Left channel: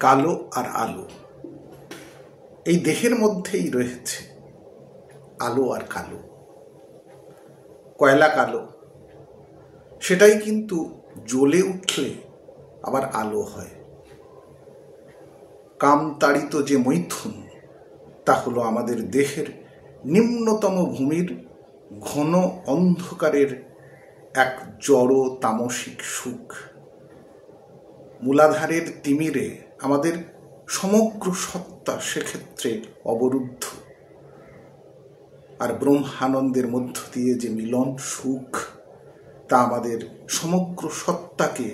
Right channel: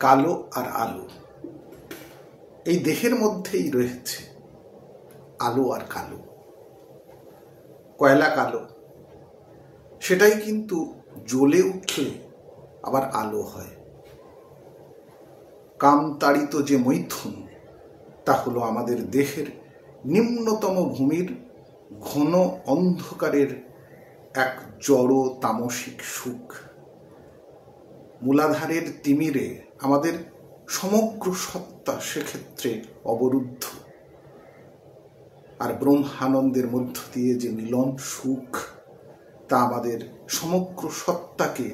কালো আর আলো, এই দেহের মধ্যেই রয়েছে আলো আর কালো। কয়লা কালো, সেটাই কিন্তু জ্বলে উঠলে আবার আলো হয়। কামতাড়িত যে মৈথুন, তা হলো আমাদের দেহের নিম্নতম ভূমির ঘন অন্ধকারের এক জড় তামসিক সুখ। মূলাধারের তিমিরে আমাদের সমগ্র সত্তা সেক্ষেত্রে অবরুদ্ধ। আর ব্রহ্মানন্দের মধ্য দিয়ে যে মিলন সুখ, তা আমাদের সমগ্র সত্তাকে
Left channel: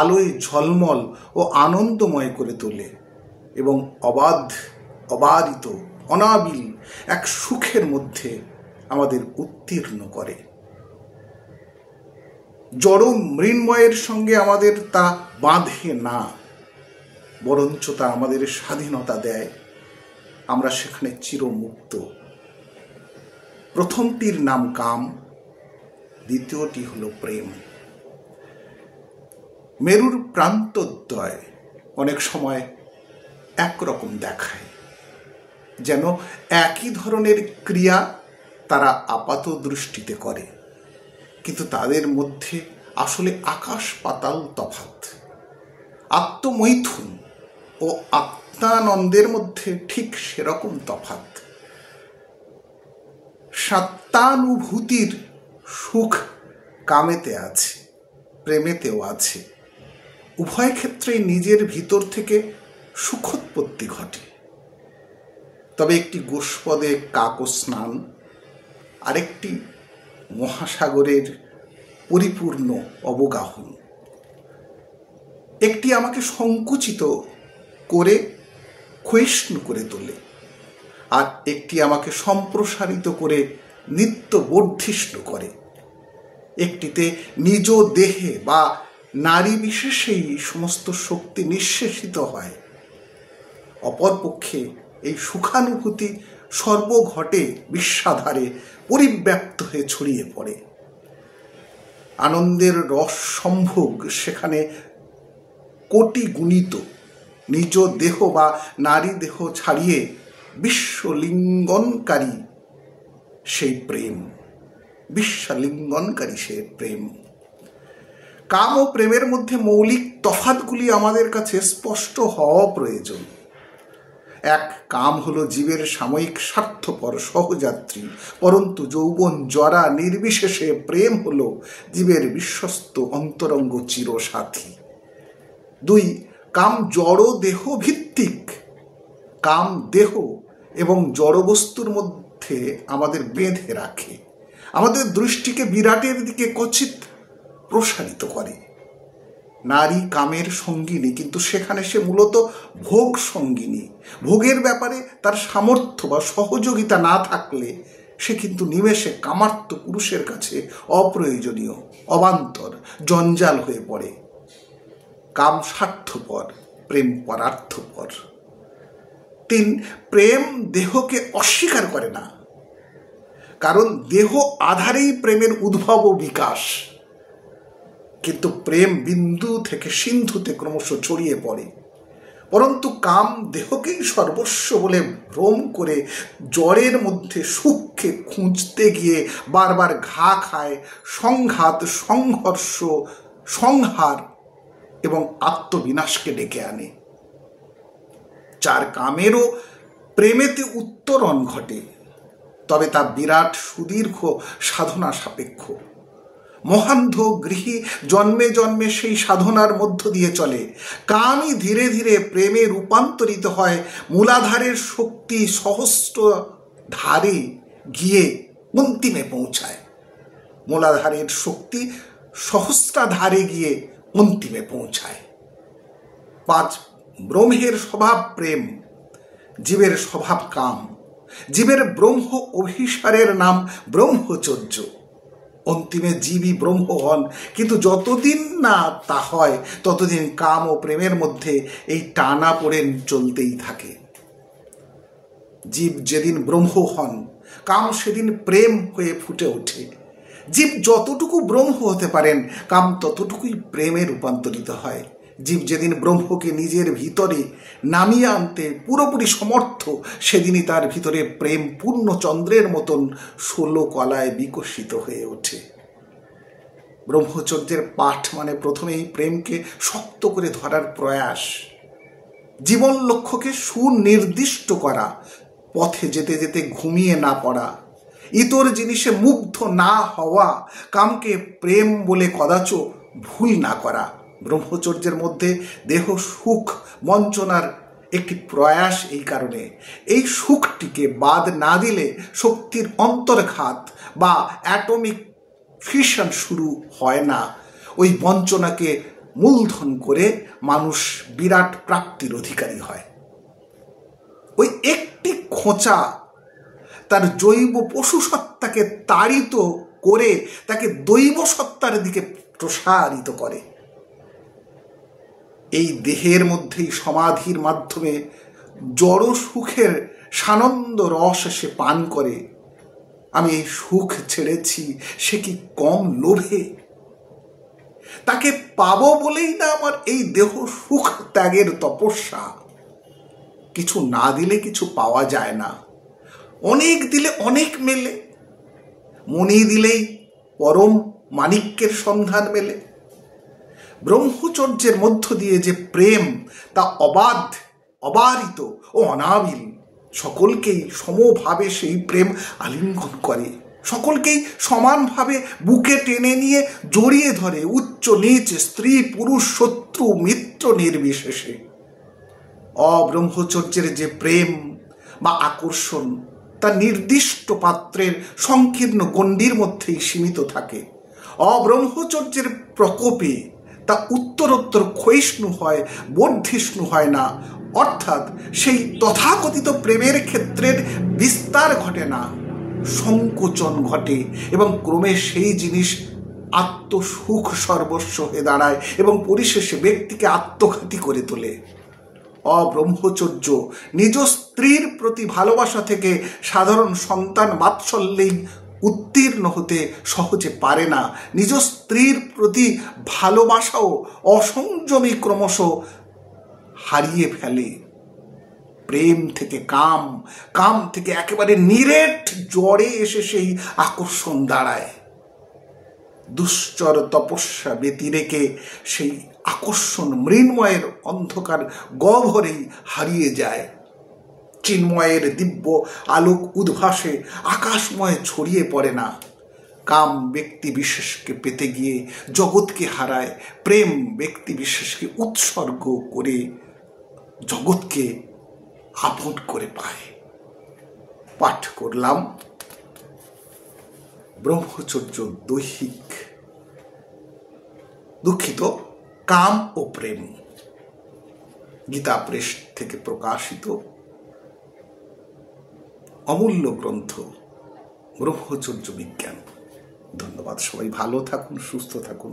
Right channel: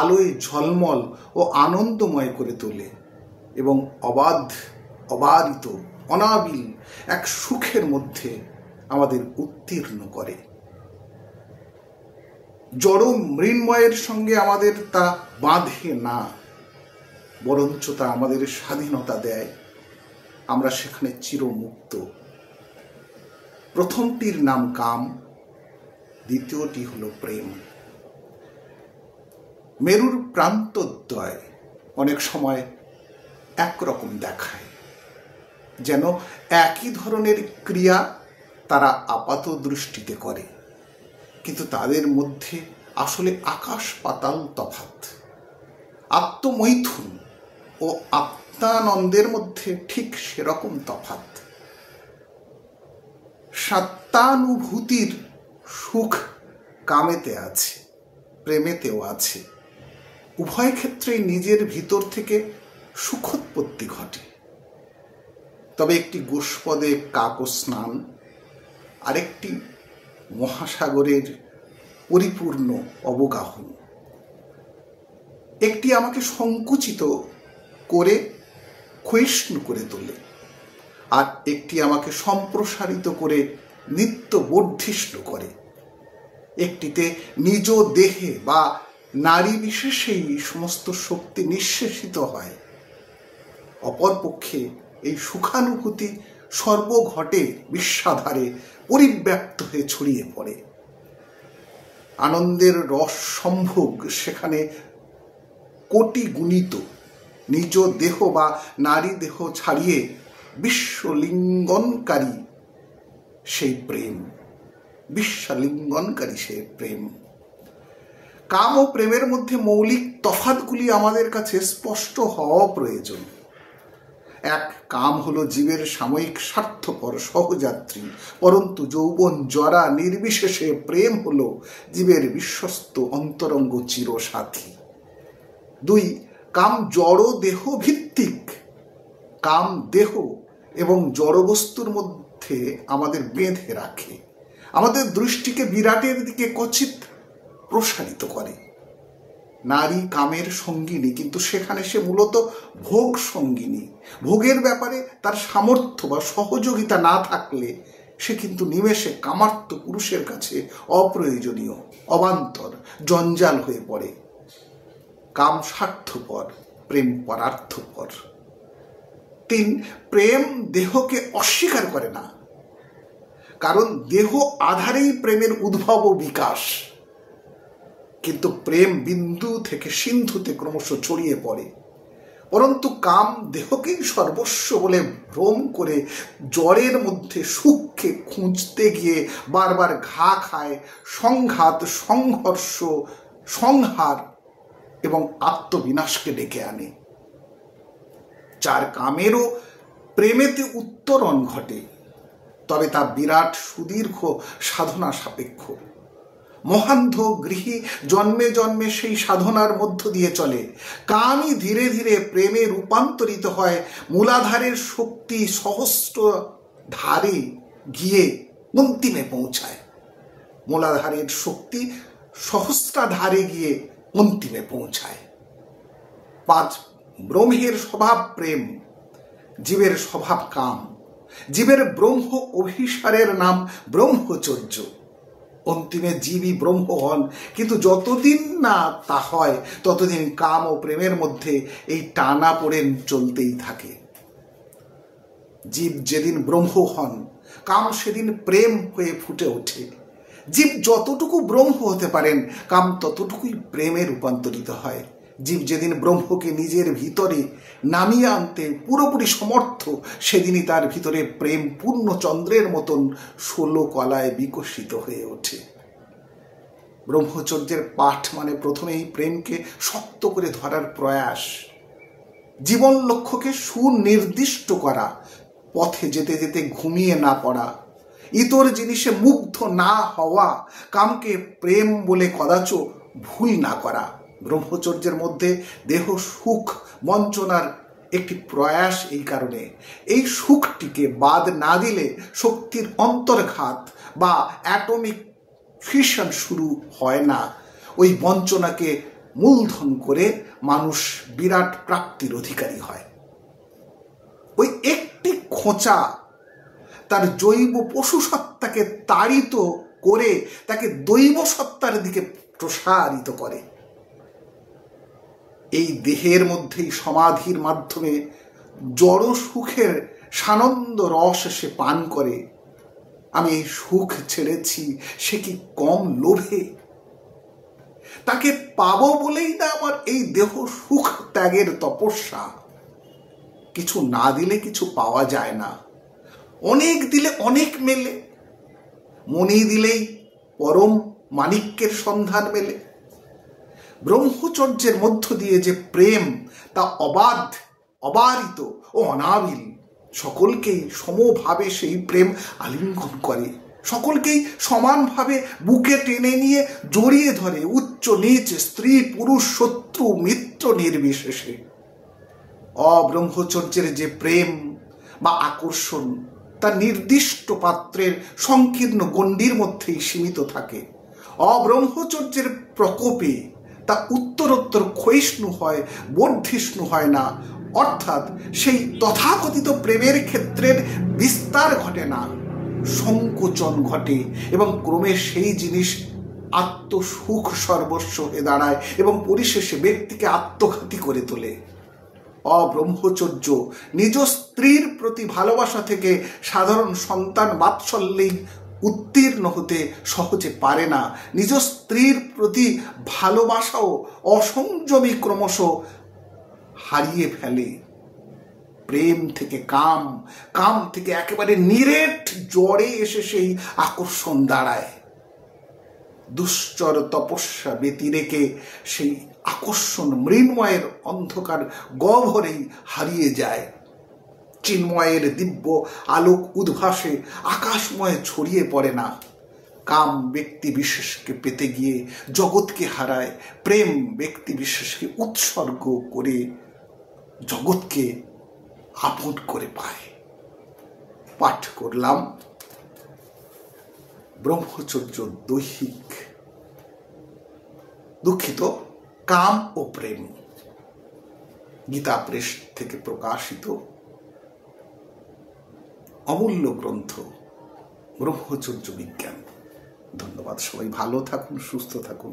আলোয় ঝলমল ও আনন্দময় করে তোলে এবং অবারিত অনাবিল এক সুখের মধ্যে আমাদের উত্তীর্ণ করে। জড় মৃন্ময়ের সঙ্গে আমাদের তা বাঁধে না, বরঞ্চ তা আমাদের স্বাধীনতা দেয়। আমরা সেখানে চিরমুক্ত। প্রথমটির নাম কাম, দ্বিতীয়টি হলো প্রেম। মেরুর প্রান্তদ্বয় অনেক সময় একরকম দেখায়, যেন একই ধরনের ক্রিয়া তারা আপাত দৃষ্টিতে করে, কিন্তু তাদের মধ্যে আসলে আকাশ পাতাল তফাৎ। আত্মমৈথুন ও আত্মানন্দের মধ্যে ঠিক সেরকম তফাৎ। সত্তানুভূতির সুখ কামেতে আছে, প্রেমেতেও আছে। উভয় ক্ষেত্রেই নিজের ভিতর থেকে সুখোৎপত্তি ঘটে। তবে একটি গোষ্পদে কাকো স্নান, আরেকটি মহাসাগরের পরিপূর্ণ অবগাহন। একটি আমাকে সংকুচিত করে ক্ষয়িষ্ণু করে তোলে, আর একটি আমাকে সম্প্রসারিত করে নিত্য বর্ধিষ্ণু করে। একটিতে নিজ দেহে বা নারী বিশেষেই সমস্ত শক্তি নিঃশেষিত হয়, অপরপক্ষে এই সুখানুভূতি সর্বঘটে বিশ্বাধারে পরিব্যাপ্ত হয়ে ছড়িয়ে পড়ে। আনন্দের রস সম্ভোগ সেখানে কোটি গুণিত। নিজ দেহ বা নারী দেহ ছাড়িয়ে বিশ্বলিঙ্গনকারী সেই প্রেম, বিশ্বলিঙ্গনকারী সেই প্রেম। কাম ও প্রেমের মধ্যে মৌলিক তফাৎগুলি আমাদের কাছে স্পষ্ট হওয়া প্রয়োজন। এক, কাম হলো জীবের সাময়িক স্বার্থপর সহযাত্রী, পরন্তু যৌবন জরা নির্বিশেষে প্রেম হলো জীবের বিশ্বস্ত অন্তরঙ্গ চিরসাথী। দুই, কাম জড় দেহ ভিত্তিক। কাম দেহ এবং জড়বস্তুর মধ্যে আমাদের বেঁধে রাখে, আমাদের দৃষ্টিকে বিরাটের দিকে কচিত প্রসারিত করে। নারী কামের সঙ্গিনী, কিন্তু সেখানে সে মূলত ভোগ সঙ্গিনী। ভোগের ব্যাপারে তার সামর্থ্য বা সহযোগিতা না থাকলে সে কিন্তু নিমেষে কামার্ত পুরুষের কাছে অপ্রয়োজনীয়, অবান্তর, জঞ্জাল হয়ে পড়ে। কাম স্বার্থপর, প্রেম পরার্থপর। তিন, প্রেম দেহকে অস্বীকার করে না, কারণ দেহ আধারেই প্রেমের উদ্ভব ও বিকাশ। কিন্তু প্রেম বিন্দু থেকে সিন্ধুতে ক্রমশ ছড়িয়ে পড়ে। পরন্তু কাম দেহকেই সর্বস্ব বলে ভ্রম করে জড়ের মধ্যে সুখকে খুঁজতে গিয়ে বারবার ঘা খায়, সংঘাত, সংঘর্ষ, সংহার এবং আত্মবিনাশকে ডেকে আনে। চার, কামেরও প্রেমেতে উত্তরণ ঘটে, তবে তা বিরাট সুদীর্ঘ সাধনা সাপেক্ষ। মহান্ধ গৃহী জন্মে জন্মে সেই সাধনার মধ্য দিয়ে চলে। কামই ধীরে ধীরে প্রেমে রূপান্তরিত হয়, মূলাধারের শক্তি সহস্র ধারে গিয়ে অন্তিমে পৌঁছায়। মূলাধারের শক্তি সহস্রাধারে গিয়ে অন্তিমে পৌঁছায়। পাঁচ, ব্রহ্মের স্বভাব প্রেম, জীবের স্বভাব কাম। জীবের ব্রহ্ম অভিসারের নাম ব্রহ্মচর্য। অন্তিমে জীবই ব্রহ্ম হন, কিন্তু যতদিন না তা হয় ততদিন কাম ও প্রেমের মধ্যে এই টানা পড়েন চলতেই থাকে। জীব যেদিন ব্রহ্ম হন, কাম সেদিন প্রেম হয়ে ফুটে ওঠে। জীব যতটুকু ব্রহ্ম হতে পারেন, কাম ততটুকুই প্রেমে রূপান্তরিত হয়। জীব যেদিন ব্রহ্মকে নিজের ভিতরে নামিয়ে আনতে পুরোপুরি সমর্থ, সেদিনই তার ভিতরে প্রেম পূর্ণচন্দ্রের মতন 16 কলায় বিকশিত হয়ে ওঠে। ব্রহ্মচর্যের পাঠ মানে প্রথমেই প্রেমকে শক্ত করে ধরার প্রয়াস, জীবন লক্ষ্যকে সুনির্দিষ্ট করা, পথে যেতে যেতে ঘুমিয়ে না পড়া, ইতর জিনিসে মুগ্ধ না হওয়া, কামকে প্রেম বলে কদাচ ভুল না করা। ব্রহ্মচর্যের মধ্যে দেহ সুখ বঞ্চনার একটি প্রয়াস। এই কারণে এই সুখটিকে বাদ না দিলে শক্তির অন্তর্ঘাত বা অ্যাটমিক ফিশন শুরু হয় না। ওই বঞ্চনাকে মূলধন করে মানুষ বিরাট প্রাপ্তির অধিকারী হয়। ওই একটি খোঁচা তার জৈব পশু সত্তাকে তাড়িত করে তাকে দৈব সত্তার দিকে প্রসারিত করে। এই দেহের মধ্যেই সমাধির মাধ্যমে জড় সুখের সানন্দ রস সে পান করে। আমি এই সুখ ছেড়েছি, সে কি কম লোভে? তাকে পাবো বলেই না আমার এই দেহ সুখ ত্যাগের তপস্যা। কিছু না দিলে কিছু পাওয়া যায় না, অনেক দিলে অনেক মেলে। মনি দিলেই পরম মাণিক্যের সন্ধান মেলে। ব্রহ্মচর্যের মধ্য দিয়ে যে প্রেম, তা অবাধ, অবারিত ও অনাবিল। সকলকেই সমভাবে সেই প্রেম আলিঙ্গন করে, সকলকেই সমানভাবে বুকে টেনে নিয়ে জড়িয়ে ধরে, উচ্চ নীচ, স্ত্রী পুরুষ, শত্রু মিত্র নির্বিশেষে। অব্রহ্মচর্যের যে প্রেম বা আকর্ষণ, তা নির্দিষ্ট পাত্রের সংকীর্ণ গণ্ডির মধ্যেই সীমিত থাকে। অব্রহ্মচর্যের প্রকোপে তা উত্তরোত্তর ক্ষয়িষ্ণু হয়, বর্ধিষ্ণু হয় না। অর্থাৎ সেই তথাকথিত প্রেমের ক্ষেত্রের বিস্তার ঘটে না, সংকোচন ঘটে এবং ক্রমে সেই জিনিস আত্মসুখ সর্বস্ব হয়ে দাঁড়ায় এবং পরিশেষে ব্যক্তিকে আত্মঘাতী করে তোলে। অব্রহ্মচর্য নিজ স্ত্রীর প্রতি ভালোবাসা থেকে সাধারণ সন্তান বাৎসল্যেই উত্তীর্ণ হতে সহজে পারে না। নিজ স্ত্রীর প্রতি ভালোবাসাও অসংযমী ক্রমশ হারিয়ে ফেলে। প্রেম থেকে কাম, কাম থেকে একেবারে নিরেট জ্বরে এসে সেই আকর্ষণ দাঁড়ায়। দুশ্চর তপস্যা ব্যতিরেকে সেই আকর্ষণ মৃন্ময়ের অন্ধকার গহ্বরেই হারিয়ে যায়। চিন্ময়ের দিব্য আলোক উদ্ভাসে আকাশময় ছড়িয়ে পড়ে না। কাম ব্যক্তি বিশেষকে পেতে গিয়ে জগৎকে হারায়, প্রেম ব্যক্তি বিশেষকে উৎসর্গ করে জগৎকে আপন করে পায়। পাঠ করলাম ব্রহ্মচর্য দৈহিক, দুঃখিত, কাম ও প্রেম, গীতা প্রেস থেকে প্রকাশিত অমূল্য গ্রন্থ ব্রহ্মচর্য বিজ্ঞান। ধন্যবাদ। সবাই ভালো থাকুন, সুস্থ থাকুন,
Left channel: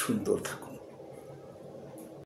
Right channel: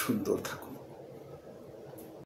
সুন্দর থাকুন।